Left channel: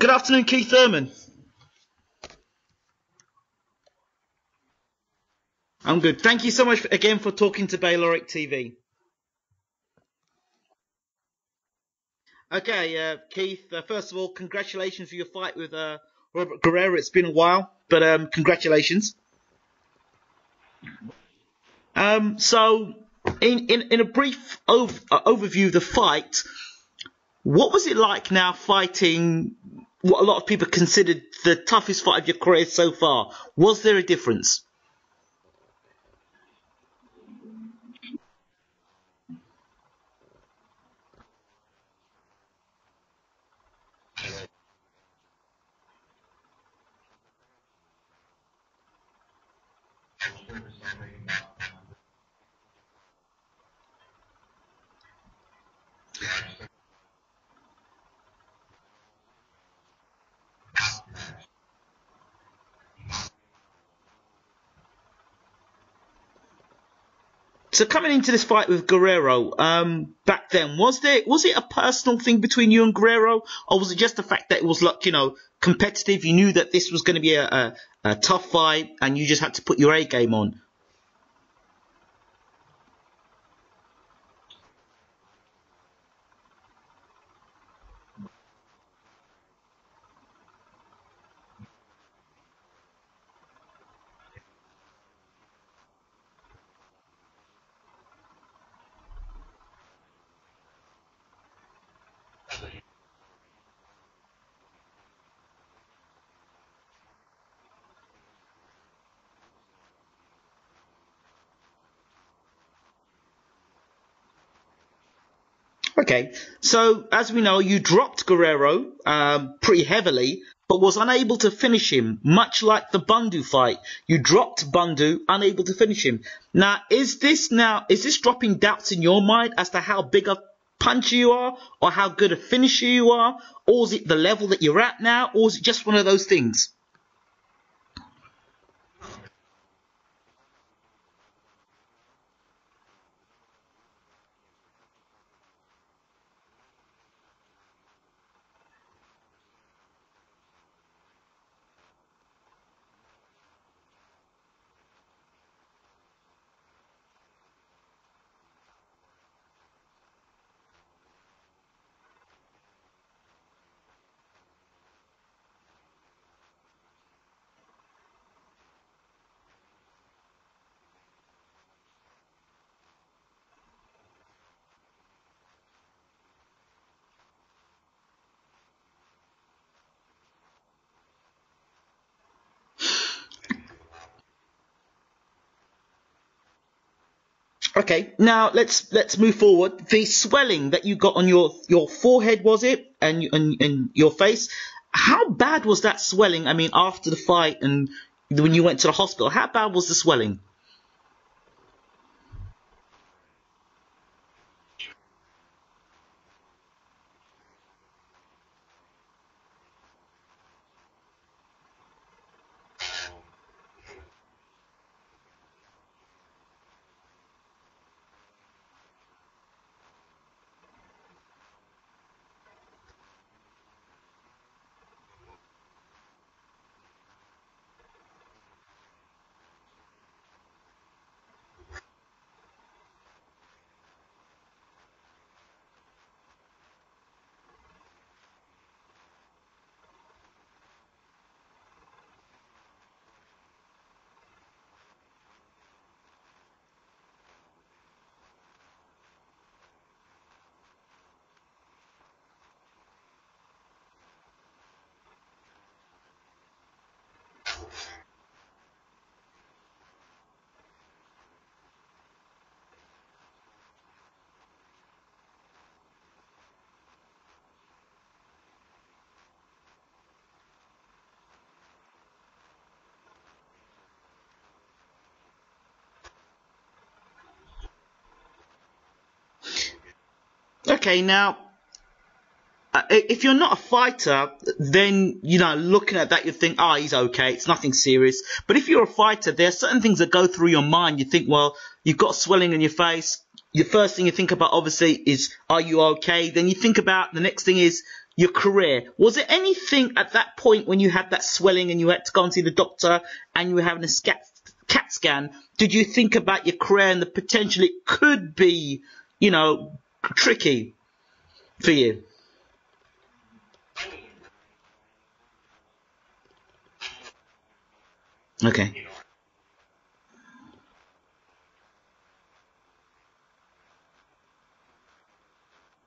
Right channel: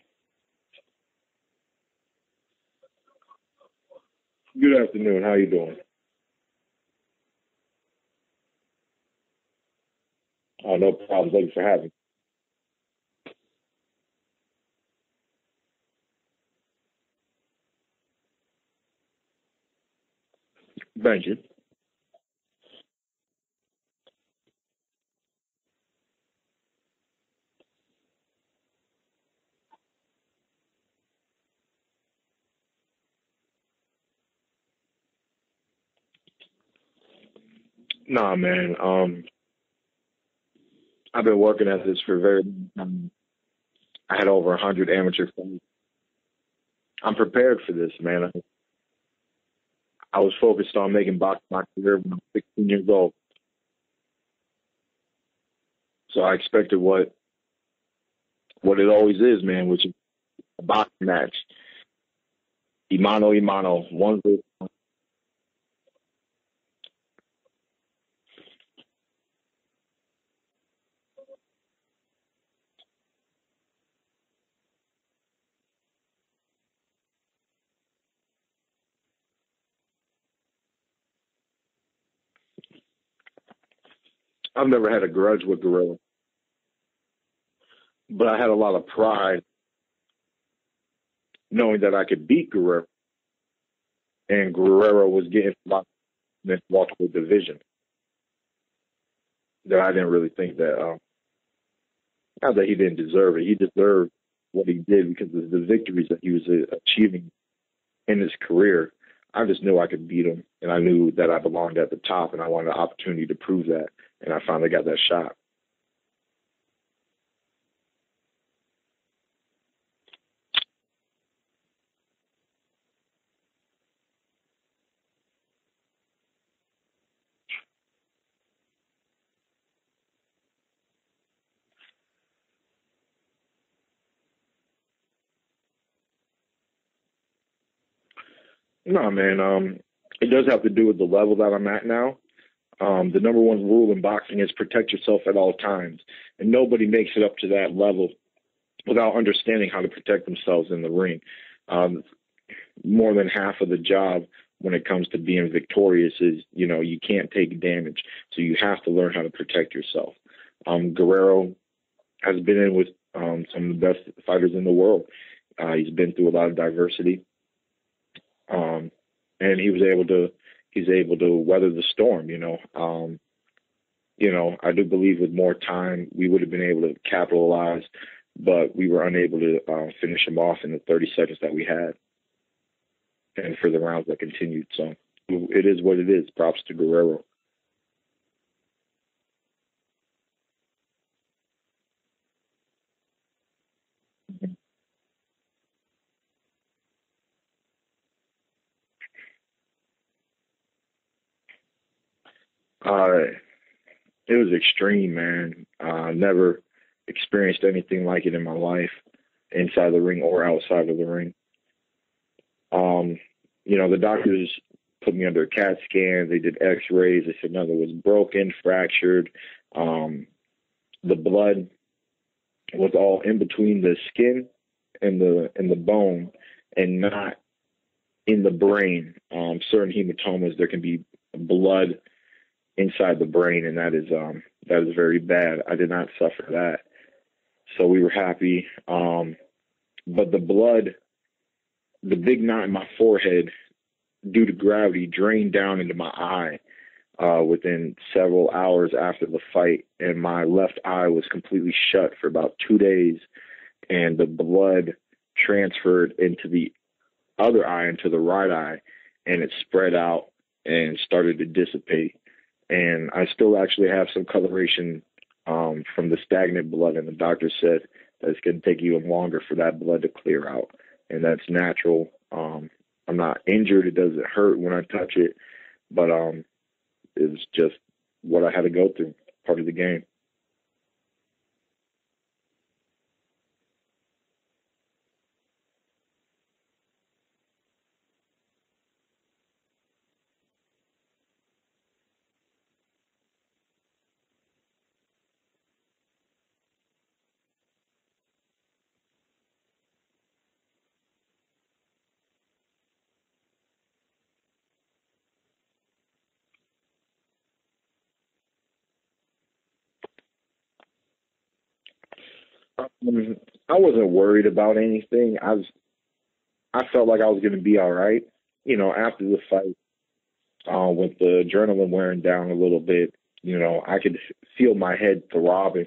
Good afternoon, Keith Thurman. Good afternoon. How you doing? I'm good. Thank you so much again for talking to Bayloric TV. Oh, no problem. Thanks for having me. Okay, Keith, first of all, congratulations for your fight with Robert Guerrero. It's been a while, but congratulations. Thank you. So, in a brief overview of the fight, what was it like now fighting what a lot of people considered the toughest fight of your career so far? Was there a difference? Nah, man. I've been working at this for a very long time. I had over 100 amateur fights. I'm prepared for this, man. I was focused on making boxing my career when I was 16 years old. So I expected what it always is, man, which is a boxing match. Imano, one versus one. So coming into this fight with Guerrero, back then, was it a personal thing between you and Guerrero, or was it just the fact that it was like, competitive? You knew that this was going to be a tough fight, and you just had to put your A game on. I've never had a grudge with Guerrero, but I had a lot of pride knowing that I could beat Guerrero, and Guerrero was getting a lot in this welterweight division. That I didn't really think that, not that he didn't deserve it. He deserved what he did because of the victories that he was achieving in his career. I just knew I could beat him, and I knew that I belonged at the top, and I wanted an opportunity to prove that, and I finally got that shot. Okay, so as we know, you dropped Guerrero pretty heavily, but was unable to finish him, much like the Bundu fight. You dropped Bundu, unable to finish him. Now, is this dropping doubts in your mind as to how big a puncher you are, or how good a finisher you are, or is it the level that you're at now, or is it just one of those things? No, man, it does have to do with the level that I'm at now. The number one rule in boxing is protect yourself at all times. And nobody makes it up to that level without understanding how to protect themselves in the ring. More than half of the job when it comes to being victorious is, you can't take damage. So you have to learn how to protect yourself. Guerrero has been in with some of the best fighters in the world. He's been through a lot of diversity. And he's able to weather the storm, I do believe with more time, we would have been able to capitalize, but we were unable to finish him off in the 30 seconds that we had and for the rounds that continued. So it is what it is. Props to Guerrero. Okay, now let's move forward. The swelling that you got on your forehead, was it, and your face? How bad was that swelling? I mean, after the fight and when you went to the hospital, how bad was the swelling? It was extreme, man. Never experienced anything like it in my life, inside the ring or outside of the ring. The doctors put me under a CAT scan. They did X-rays. They said nothing was broken, fractured. The blood was all in between the skin and the bone, and not in the brain. Certain hematomas, there can be blood inside the brain, and that is very bad. I did not suffer that, so we were happy. But the blood, the big knot in my forehead, due to gravity, drained down into my eye within several hours after the fight, and my left eye was completely shut for about 2 days, and the blood transferred into the other eye, into the right eye, and it spread out and started to dissipate. And I still actually have some coloration from the stagnant blood, and the doctor said that it's going to take even longer for that blood to clear out, and that's natural. I'm not injured. It doesn't hurt when I touch it, but it's just what I had to go through, part of the game. Okay, now, if you're not a fighter, then, looking at that, you think, he's okay, it's nothing serious. But if you're a fighter, there are certain things that go through your mind. You think, well, you've got swelling in your face. The first thing you think about, obviously, is, are you okay? Then you think about, the next thing is, your career. Was there anything at that point when you had that swelling and you had to go and see the doctor and you were having a CAT scan? Did you think about your career and the potential it could be, tricky for you? I wasn't worried about anything. I felt like I was going to be all right. Okay. After the fight, with the adrenaline wearing down a little bit, I could feel my head throbbing.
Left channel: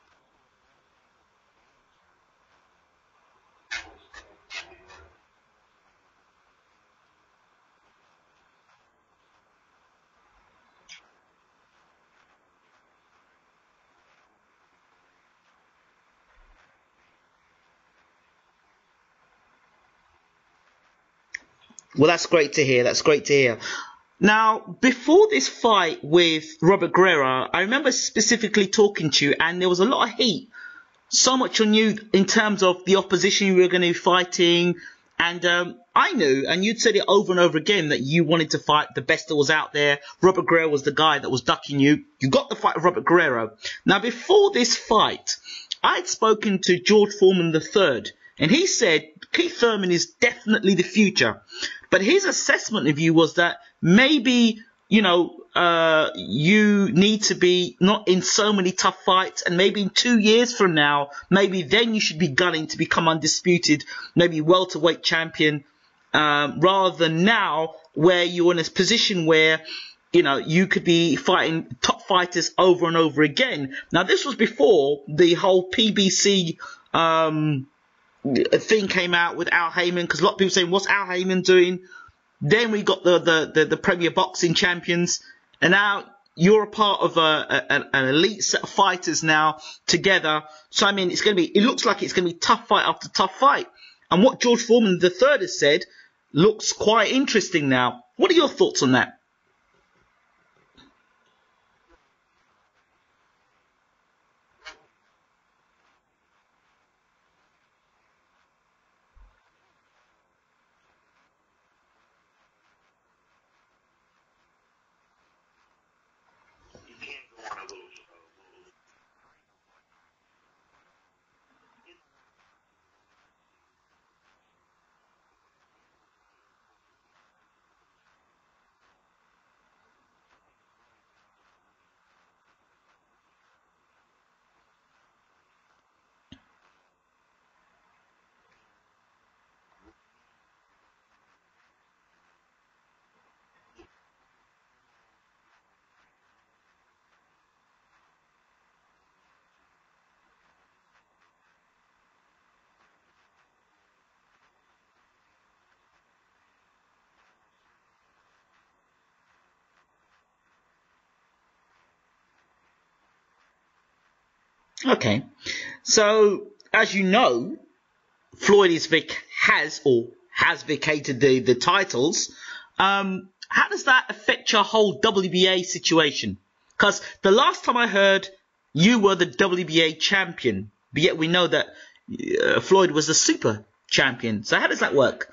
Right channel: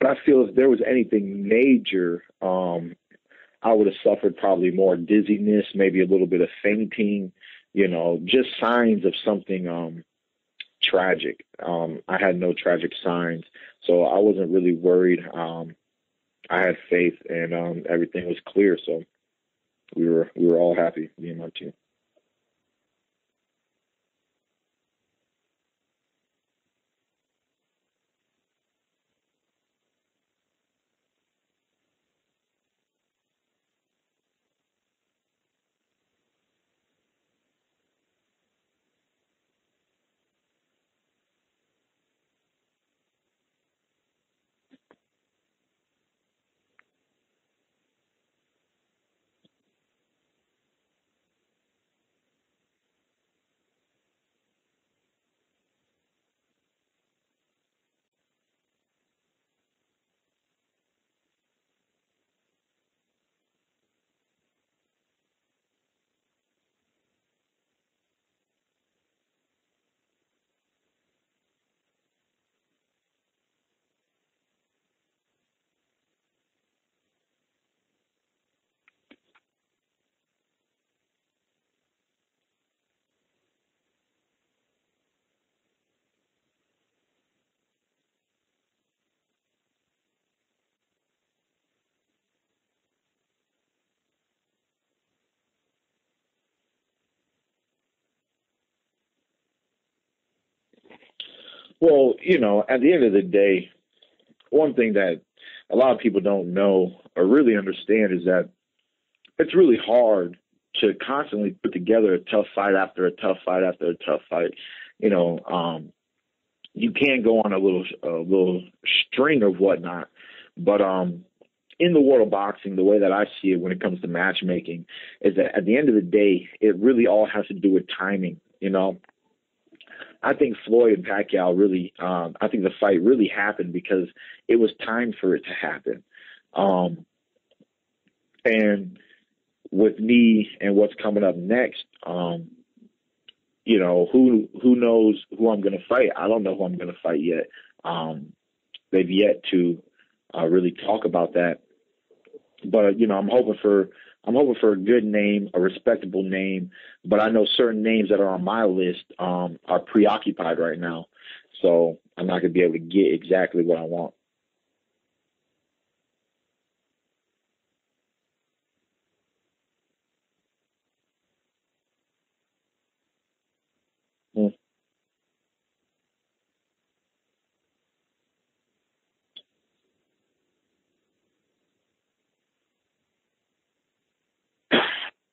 But I feel if there was anything major, I would have suffered probably more dizziness, maybe a little bit of fainting, just signs of something tragic. I had no tragic signs, so I wasn't really worried. I had faith, and everything was clear, so we were all happy, me and my team. Well, that's great to hear. Now, before this fight with Robert Guerrero, I remember specifically talking to you, and there was a lot of heat, so much on you in terms of the opposition you were going to be fighting. And I knew, and you'd said it over and over again, that you wanted to fight the best that was out there. Robert Guerrero was the guy that was ducking you. You got the fight with Robert Guerrero. Now, before this fight, I'd spoken to George Foreman III, and he said Keith Thurman is definitely the future. But his assessment of you was that maybe, you need to be not in so many tough fights, and maybe in 2 years from now, maybe then you should be gunning to become undisputed, maybe welterweight champion, rather than now where you're in a position where, you could be fighting top fighters over and over again. Now, this was before the whole PBC thing came out with Al Heyman, because a lot of people saying, what's Al Heyman doing? Then we got the Premier Boxing Champions, and now you're a part of an elite set of fighters now together. So I mean, it looks like it's gonna be tough fight after tough fight. And what George Foreman III has said looks quite interesting now. What are your thoughts on that? Well, at the end of the day, one thing that a lot of people don't know or really understand is that it's really hard to constantly put together a tough fight after a tough fight after a tough fight. You can go on a little string of whatnot, but in the world of boxing, the way that I see it when it comes to matchmaking is that at the end of the day, it really all has to do with timing. I think Floyd and Pacquiao really, I think the fight really happened because it was time for it to happen. And with me and what's coming up next, who knows who I'm going to fight? I don't know who I'm going to fight yet. They've yet to really talk about that. But I'm hoping for a good name, a respectable name. But I know certain names that are on my list are preoccupied right now, so I'm not going to be able to get exactly what I want. Okay. So, as you know, Floyd has vacated the titles. How does that affect your whole WBA situation? Because the last time I heard, you were the WBA champion, but yet we know that Floyd was the super champion. So how does that work?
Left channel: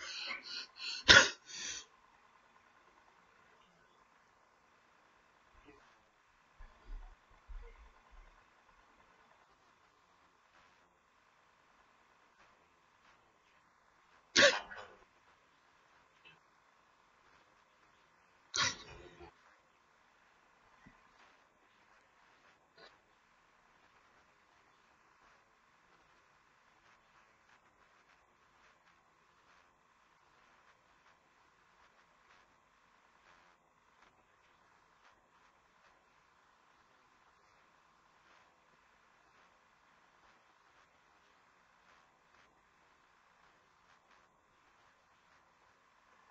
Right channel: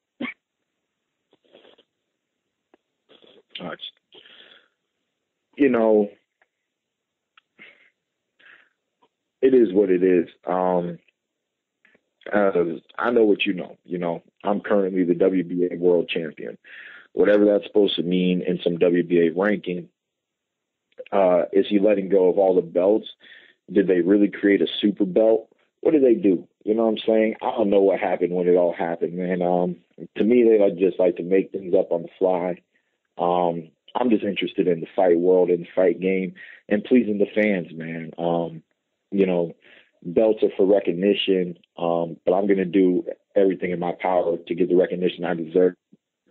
It is what it is. I know what you know. I'm currently the WBA world champion. Whatever that's supposed to mean in some WBA ranking. Is he letting go of all the belts? Did they really create a super belt? What did they do? You know what I'm saying? I don't know what happened when it all happened, man. To me, they just like to make things up on the fly. I'm just interested in the fight world and the fight game and pleasing the fans, man. Belts are for recognition, but I'm going to do everything in my power to get the recognition I deserve,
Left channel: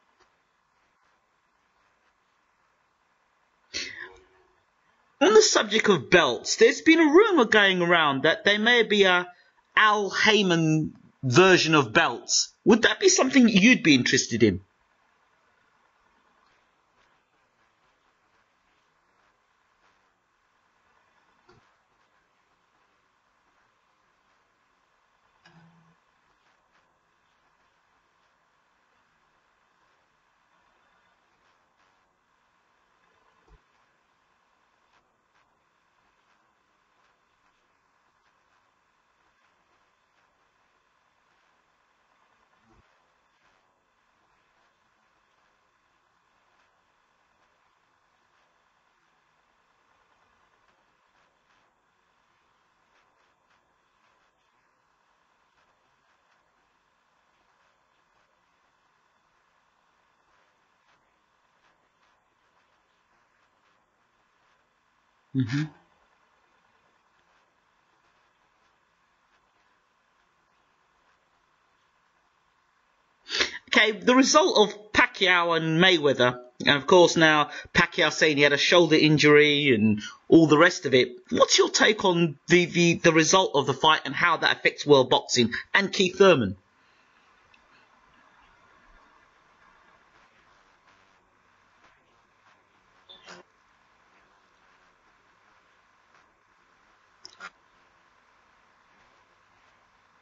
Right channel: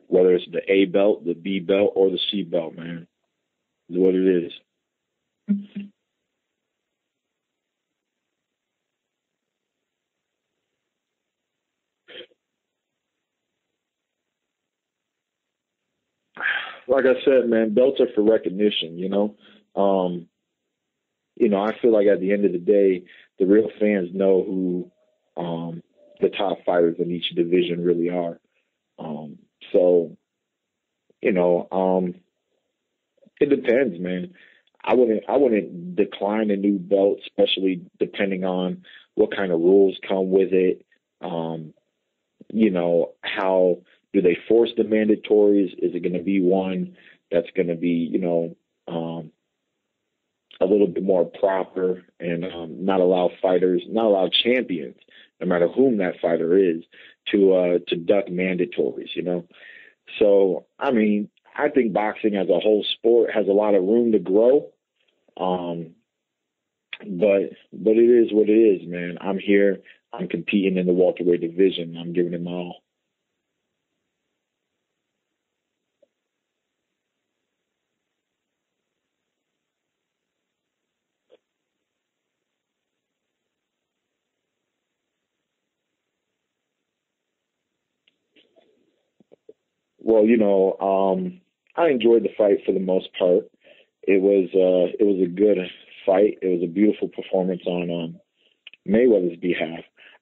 whether it's the A belt, the B belt, or the C belt, man. It's what it is. On the subject of belts, there's been a rumor going around that there may be a Al Heyman version of belts. Would that be something you'd be interested in? Like I said, man, belts are for recognition, I feel like at the end of the day, the real fans know who the top fighters in each division really are. It depends, man. I wouldn't decline a new belt, especially depending on what kind of rules come with it. How do they force the mandatories? Is it going to be one that's going to be, a little bit more proper and not allow champions, no matter whom that fighter is, to duck mandatories, So, I mean, I think boxing as a whole sport has a lot of room to grow. Mm-hmm. But it is what it is, man. I'm here. I'm competing in the welterweight division. I'm giving it my all. Okay, the result of Pacquiao and Mayweather, and of course now Pacquiao saying he had a shoulder injury and all the rest of it. What's your take on the result of the fight and how that affects world boxing and Keith Thurman? Well, I enjoyed the fight for the most part. It was a good fight. It was a beautiful performance on Mayweather's behalf.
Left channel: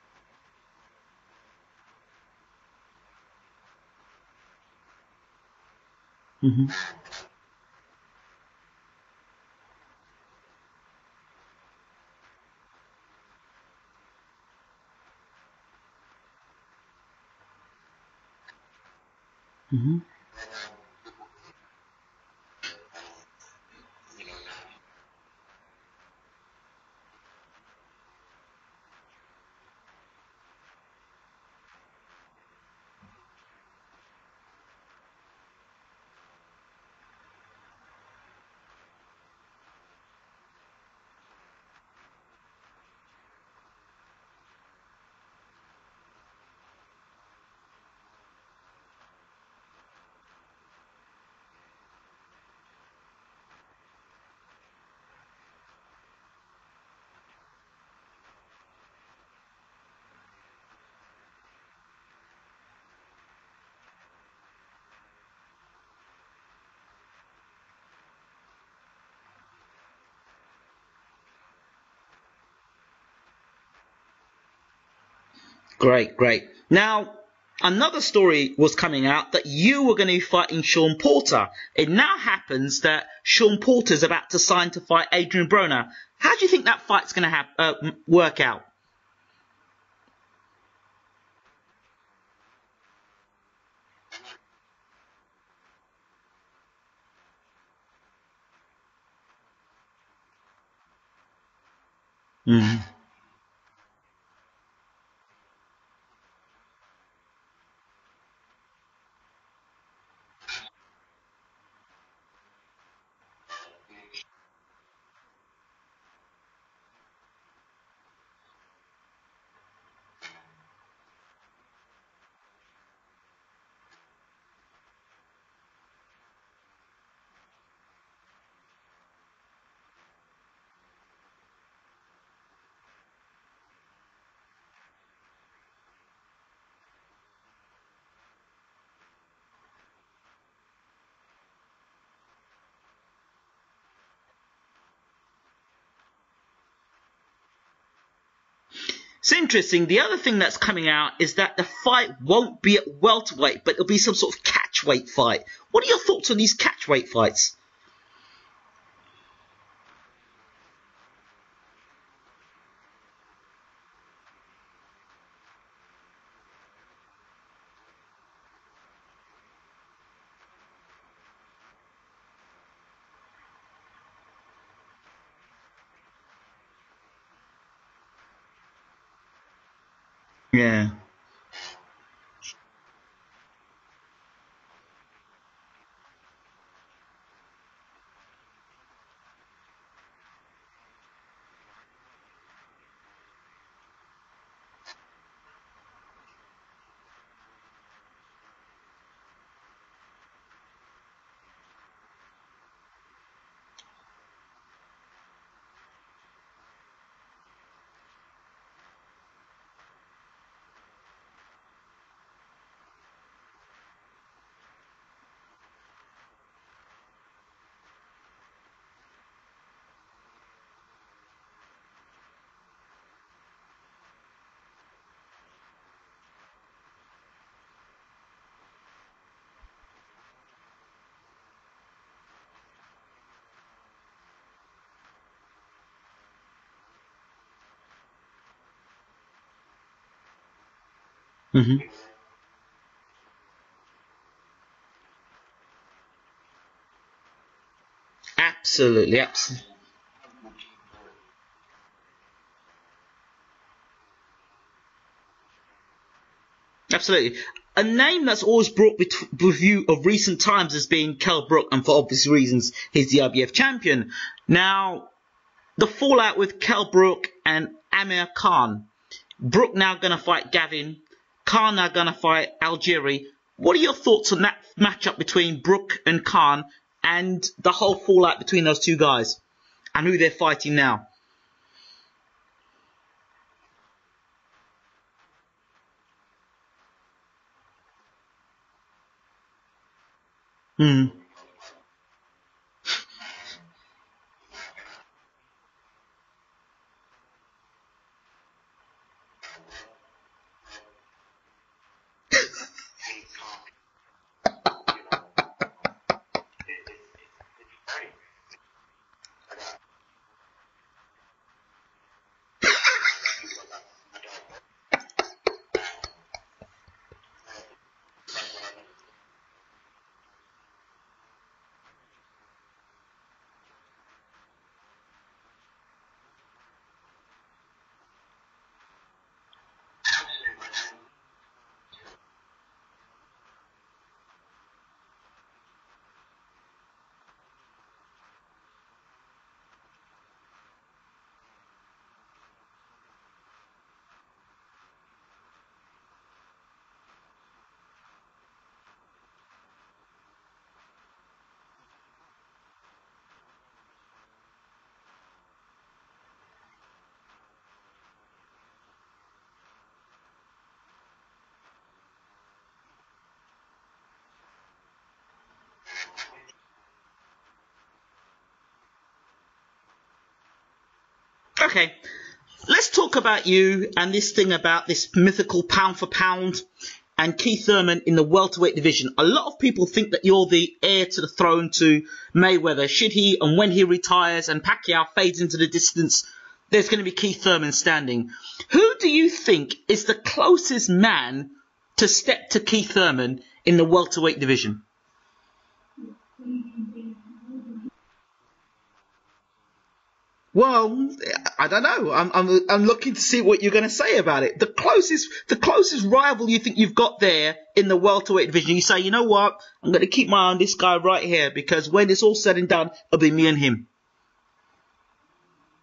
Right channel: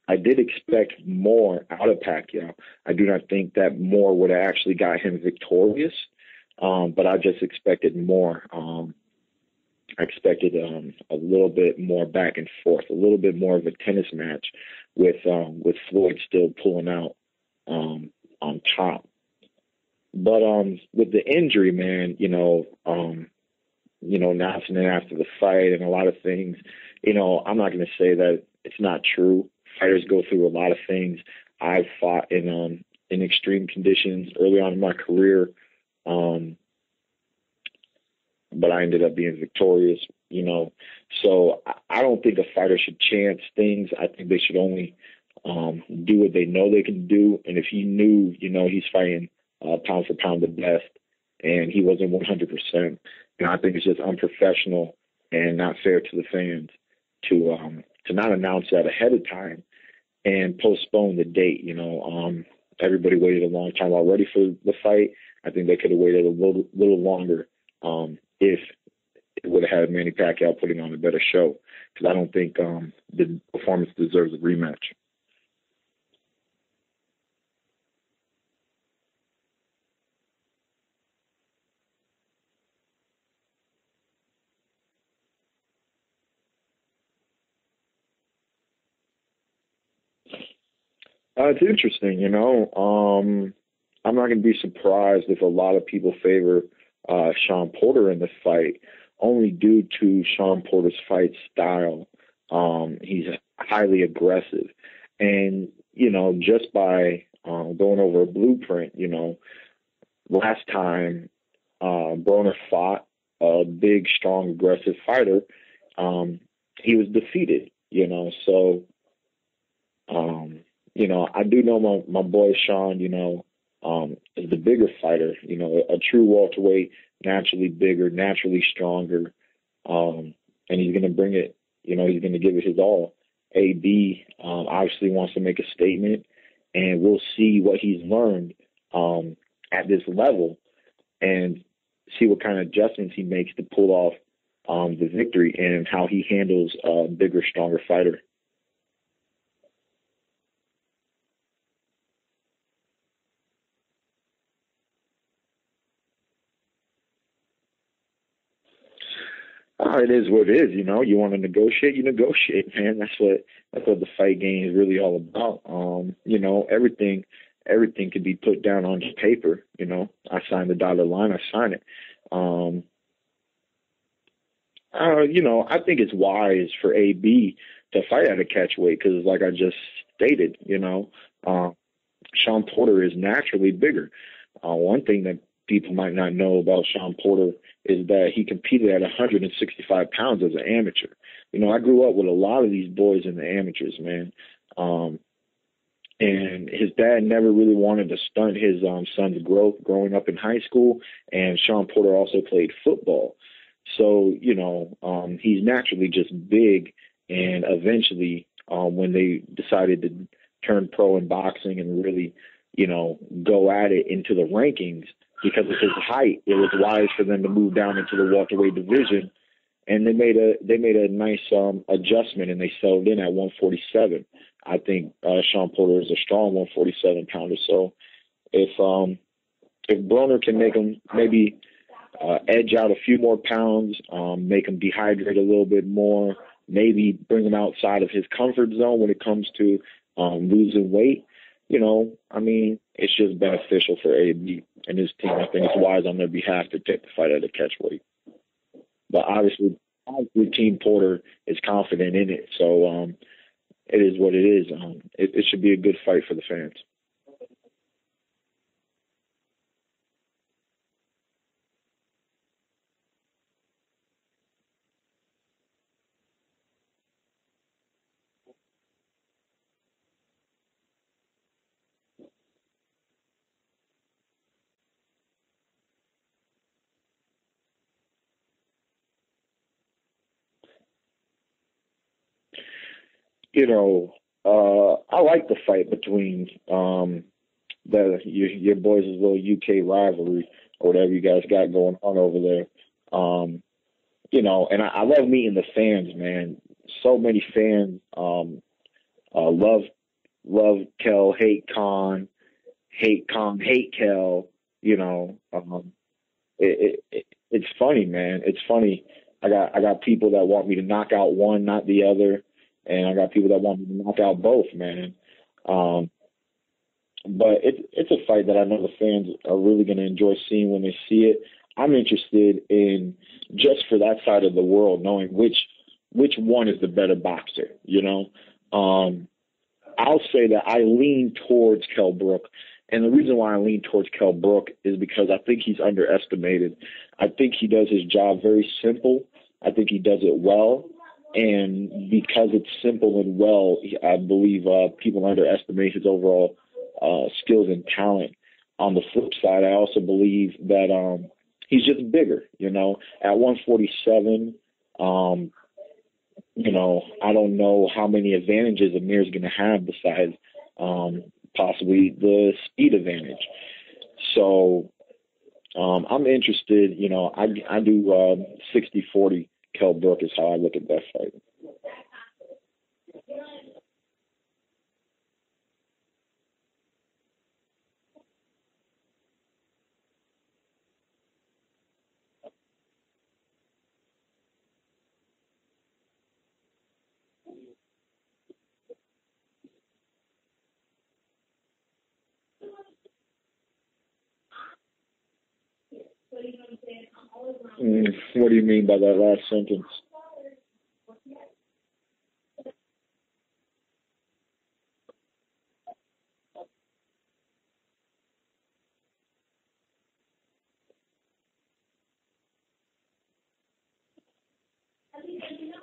I did expect more out of Pacquiao. I do not think that more would have actually got him victorious, but I just expected more. I expected a little bit more back and forth, a little bit more of a tennis match with Floyd still pulling out on top. Mm-hmm. But with the injury, man, announcing it after the fight and a lot of things, I'm not going to say that it's not true. Fighters go through a lot of things. I've fought in extreme conditions early on in my career, but I ended up being victorious, So I don't think a fighter should chance things. I think they should only do what they know they can do. And if he knew, he's fighting pound for pound the best, and he wasn't 100%, I think it's just unprofessional and not fair to the fans to not announce that ahead of time and postpone the date. Everybody waited a long time already for the fight. I think they could have waited a little longer if it would have had Manny Pacquiao putting on a better show, because I don't think the performance deserves a rematch. Great. Now, another story was coming out that you were going to be fighting Shawn Porter. It now happens that Shawn Porter is about to sign to fight Adrian Broner. How do you think that fight's going to work out? It's interesting, I'm not going to be surprised if a lot of people favor Shawn Porter in the fight, only due to Shawn Porter's fight style. He's highly aggressive. And, just by going over a blueprint, last time Broner fought a big, strong, aggressive fighter, he was defeated, So, I do know my boy Shawn, is the bigger fighter, a true welterweight, naturally bigger, naturally stronger, and he's going to bring it, he's going to give it his all. AB obviously wants to make a statement, and we'll see what he's learned at this level and see what kind of adjustments he makes to pull off the victory and how he handles a bigger, stronger fighter. It's interesting. The other thing that's coming out is that the fight won't be at welterweight, but it'll be some sort of catchweight fight. What are your thoughts on these catchweight fights? It is what it is. You want to negotiate, you negotiate, man. That's what the fight game is really all about. Everything can be put down on paper. I sign the dotted line, I sign it. I think it's wise for AB to fight at a catchweight because, like I just stated, Shawn Porter is naturally bigger. One thing that people might not know about Shawn Porter is that he competed at 165 pounds as an amateur. I grew up with a lot of these boys in the amateurs, man. And his dad never really wanted to stunt his son's growth growing up in high school, and Shawn Porter also played football. So, he's naturally just big, and eventually when they decided to turn pro in boxing and really, go at it into the rankings, because of his height, it was wise for them to move down into the welterweight division, and they made a nice adjustment, and they settled in at 147. I think Shawn Porter is a strong 147 pounder. So if Broner can make him maybe edge out a few more pounds, make him dehydrate a little bit more, maybe bring him outside of his comfort zone when it comes to losing weight. Mm-hmm. You know, I mean, it's just beneficial for AB and his team. I think it's wise on their behalf to take the fight at a catch weight. Absolutely. But obviously, Team Porter is confident in it, so it is what it is. It should be a good fight for the fans. Absolutely. A name that's always brought with you of recent times has been Kell Brook, and for obvious reasons, he's the IBF champion. Now, the fallout with Kell Brook and Amir Khan. Brook now going to fight Gavin. Khan now going to fight Algieri. What are your thoughts on that matchup between Brook and Khan and the whole fallout between those two guys and who they're fighting now? You know, I like the fight between your boys' little UK rivalry, whatever you guys got going on over there. You know, and I love meeting the fans, man. So many fans love Kell, hate Khan, hate Kell. You know, it's funny, man. It's funny. I got people that want me to knock out one, not the other, and I got people that want me to knock out both, man. But it's a fight that I know the fans are really going to enjoy seeing when they see it. I'm interested in, just for that side of the world, knowing which one is the better boxer, you know. I'll say that I lean towards Kell Brook, and the reason why I lean towards Kell Brook is because I think he's underestimated. I think he does his job very simple. I think he does it well, and because it's simple and well, I believe people underestimate his overall skills and talent. On the flip side, I also believe that he's just bigger, you know. At 147, you know, I don't know how many advantages Amir's going to have besides possibly the speed advantage. So I'm interested, you know, I do 60-40 Kell Brook is how I look at that fight. Okay. Let's talk about you and this thing about this mythical pound for pound and Keith Thurman in the welterweight division. A lot of people think that you're the heir to the throne to Mayweather. Should he and when he retires and Pacquiao fades into the distance, there's going to be Keith Thurman standing. Who do you think is the closest man to step to Keith Thurman in the welterweight division? What do you mean by that last sentence? Well, I don't know. I'm looking to see what you're going to say about it. The closest rival you think you've got there in the welterweight division. You say, you know what? I'm going to keep my eye on this guy right here because when it's all said and done, it'll be me and him.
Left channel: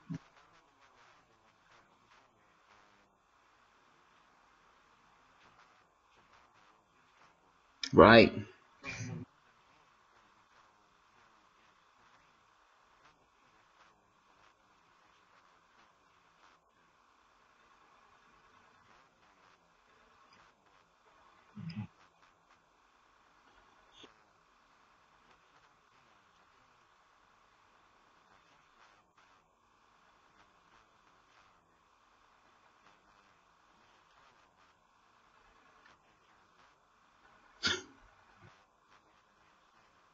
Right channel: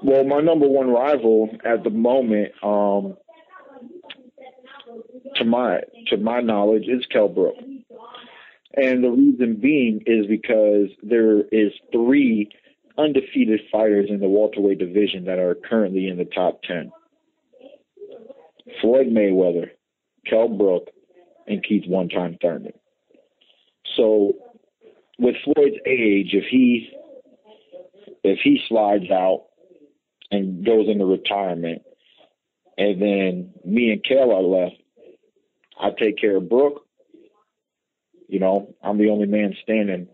Well, my number one rival at the moment, to my knowledge, is Kell Brook. Right. And the reason being is because there is 3 undefeated fighters in the welterweight division that are currently in the top 10. Floyd Mayweather, Kell Brook, and Keith one-time Thurman. So with Floyd's age, if he slides out and goes into retirement, and then me and Kell are left, I take care of Brook. You know, I'm the only man standing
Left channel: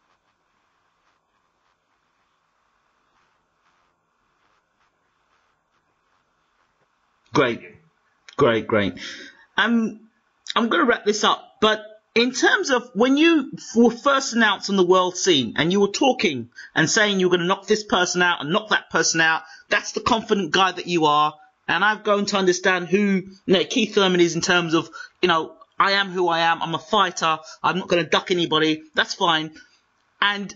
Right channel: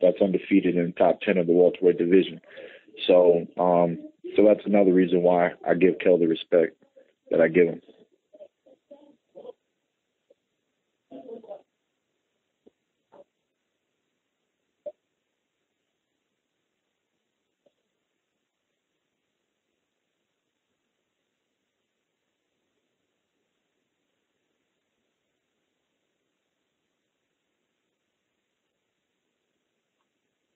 that's undefeated in the top 10 of the welterweight division. So that's another reason why I give Kell the respect that I give him. Great. I'm going to wrap this up, but in terms of when you were first announced on the world scene and you were talking and saying you were going to knock this person out and knock that person out, that's the confident guy that you are. And I've grown to understand who Keith Thurman is in terms of, I am who I am. I'm a fighter. I'm not going to duck anybody. That's fine. And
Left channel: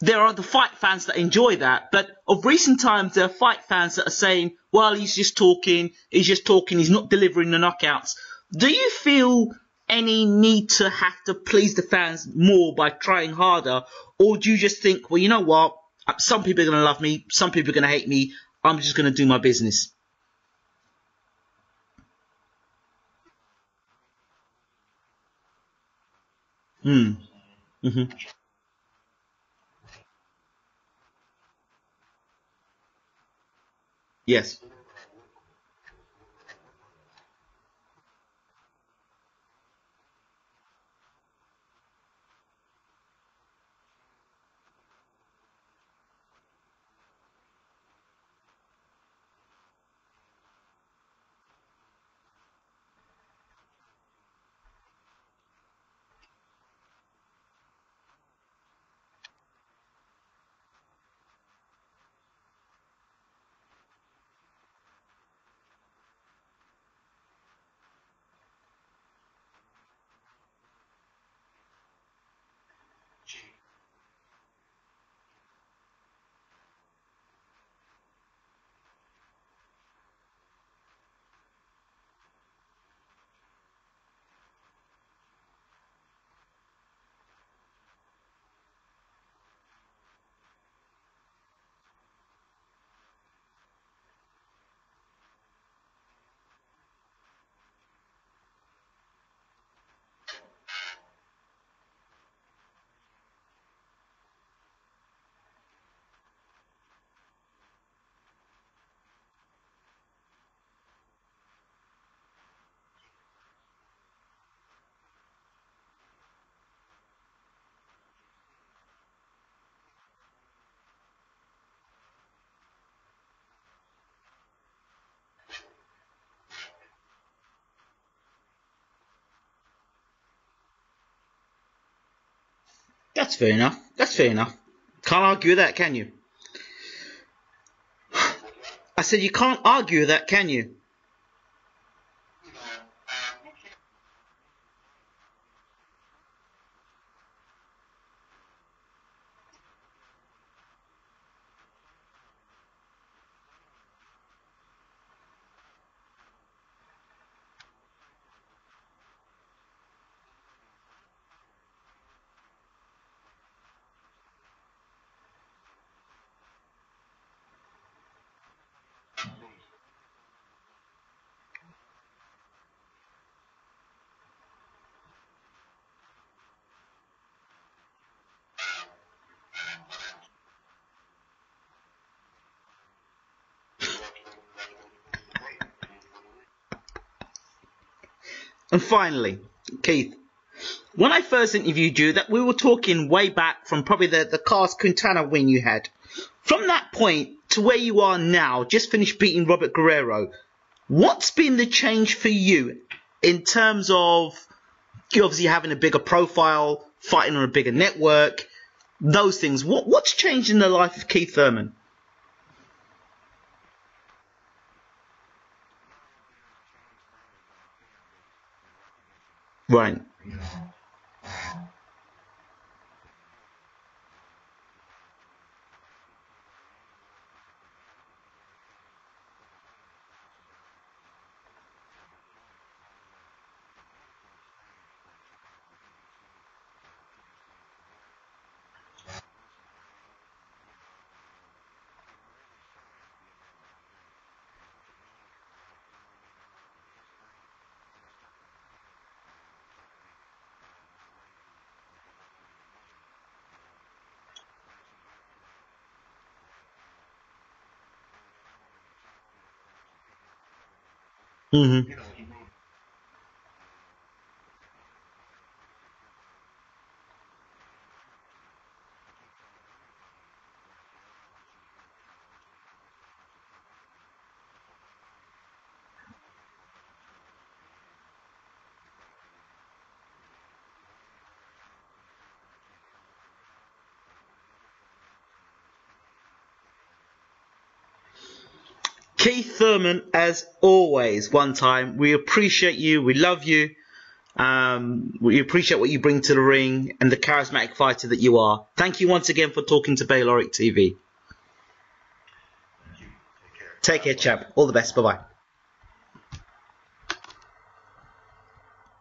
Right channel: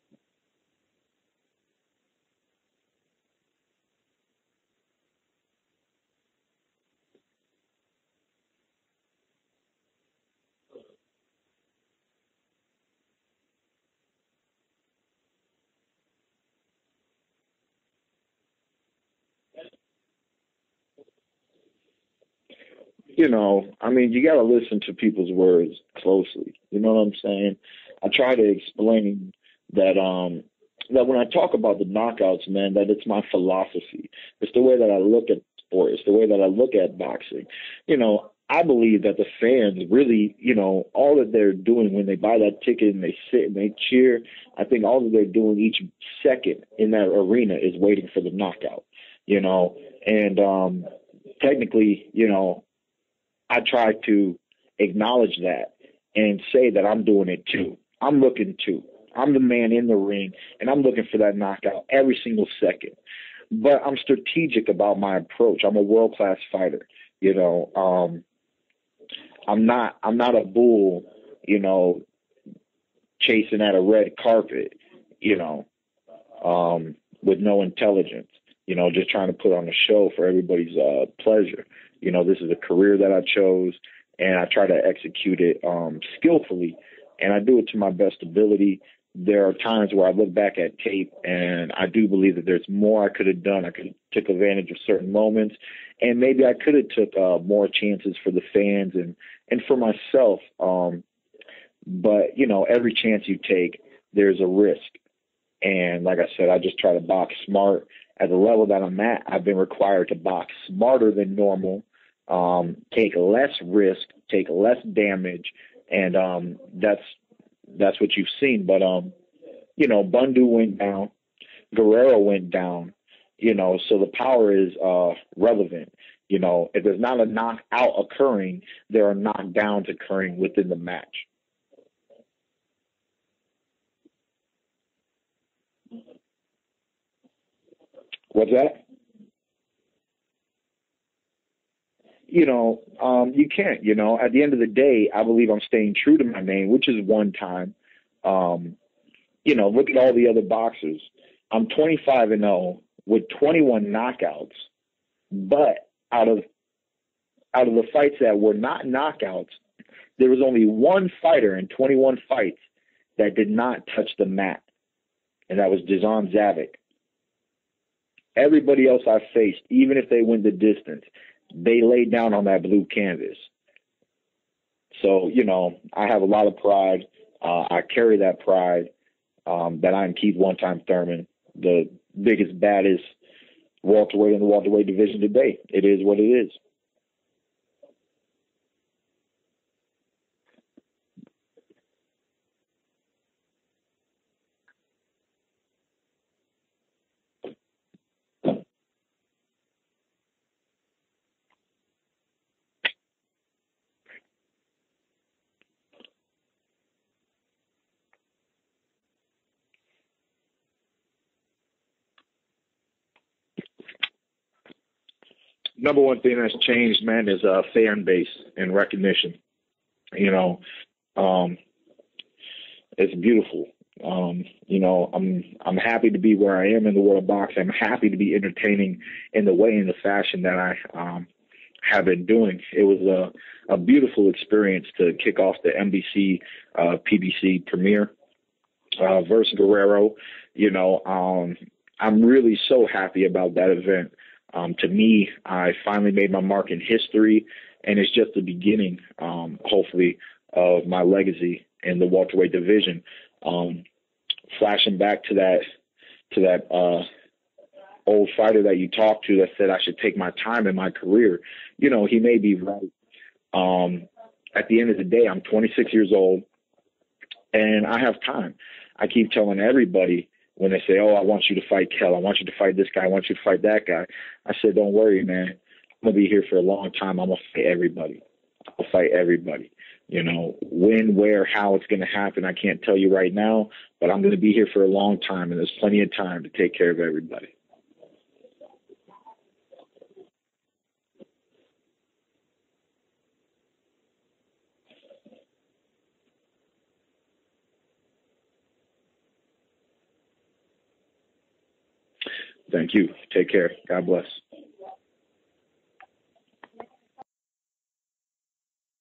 there are the fight fans that enjoy that. But of recent times, there are fight fans that are saying, well, he's just talking. He's not delivering the knockouts. Do you feel any need to have to please the fans more by trying harder? Or do you just think, well, you know what? Some people are going to love me. Some people are going to hate me. I'm just going to do my business. You got to listen to people's words closely. You know what I'm saying? Mm-hmm. I try to explain that that when I talk about the knockouts, man, that it's my philosophy. Yes. It's the way that I look at sport. It's the way that I look at boxing. I believe that the fans really, all that they're doing when they buy that ticket and they sit and they cheer, I think all that they're doing each second in that arena is waiting for the knockout, and technically, I try to acknowledge that and say that I'm doing it too. I'm looking too. I'm the man in the ring, and I'm looking for that knockout every single second. But I'm strategic about my approach. I'm a world-class fighter, I'm not a bull, chasing at a red carpet, with no intelligence, just trying to put on a show for everybody's pleasure. This is a career that I chose, and I try to execute it skillfully, and I do it to my best ability. There are times where I look back at tape, and I do believe that there's more I could have done. I could have took advantage of certain moments, and maybe I could have took more chances for the fans and for myself. But, every chance you take, there's a risk. And like I said, I just try to box smart. At the level that I'm at, I've been required to box smarter than normal, take less risk, take less damage, and that's what you've seen. But, Bundu went down, Guerrero went down, so the power is relevant. If there's not a knockout occurring, there are knockdowns occurring within the match. That's fair enough. Can't argue with that, can you? What's that? I said you can't argue with that, can you? You can't. At the end of the day, I believe I'm staying true to my name, which is one time. Look at all the other boxers. I'm 25-0 with 21 knockouts, but out of the fights that were not knockouts, there was only one fighter in 21 fights that did not touch the mat, and that was Dizon Zavik. Everybody else I faced, even if they went the distance, they laid down on that blue canvas. So, I have a lot of pride. I carry that pride that I'm Keith one-time Thurman, the biggest, baddest welterweight in the welterweight division today. It is what it is. And finally, Keith, when I first interviewed you, that we were talking way back from probably the Carlos Quintana win you had. From that point to where you are now, just finished beating Robert Guerrero, what's been the change for you in terms of you obviously having a bigger profile, fighting on a bigger network, those things? What's changed in the life of Keith Thurman? Number one thing that's changed, man, is fan base and recognition. Right. It's beautiful. I'm happy to be where I am in the world of boxing. I'm happy to be entertaining in the way and the fashion that I have been doing. It was a beautiful experience to kick off the NBC PBC premiere versus Guerrero. I'm really so happy about that event. To me, I finally made my mark in history, and it's just the beginning, hopefully, of my legacy in the welterweight division. Flashing back to that old fighter that you talked to that said I should take my time in my career. Mm-hmm. He may be right. At the end of the day, I'm 26 years old, and I have time. I keep telling everybody when they say, "Oh, I want you to fight Kell. I want you to fight this guy. I want you to fight that guy." I said, "Don't worry, man. I'm gonna be here for a long time. I'm gonna fight everybody. I'll fight everybody. When, where, how it's going to happen, I can't tell you right now, but I'm going to be here for a long time, and there's plenty of time to take care of everybody." Keith Thurman, as always, one time, we appreciate you. We love you. We appreciate what you bring to the ring and the charismatic fighter that you are. Thank you once again for talking to Bayloric TV. Thank you. Take care. Take care, chap. All the best. Bye-bye.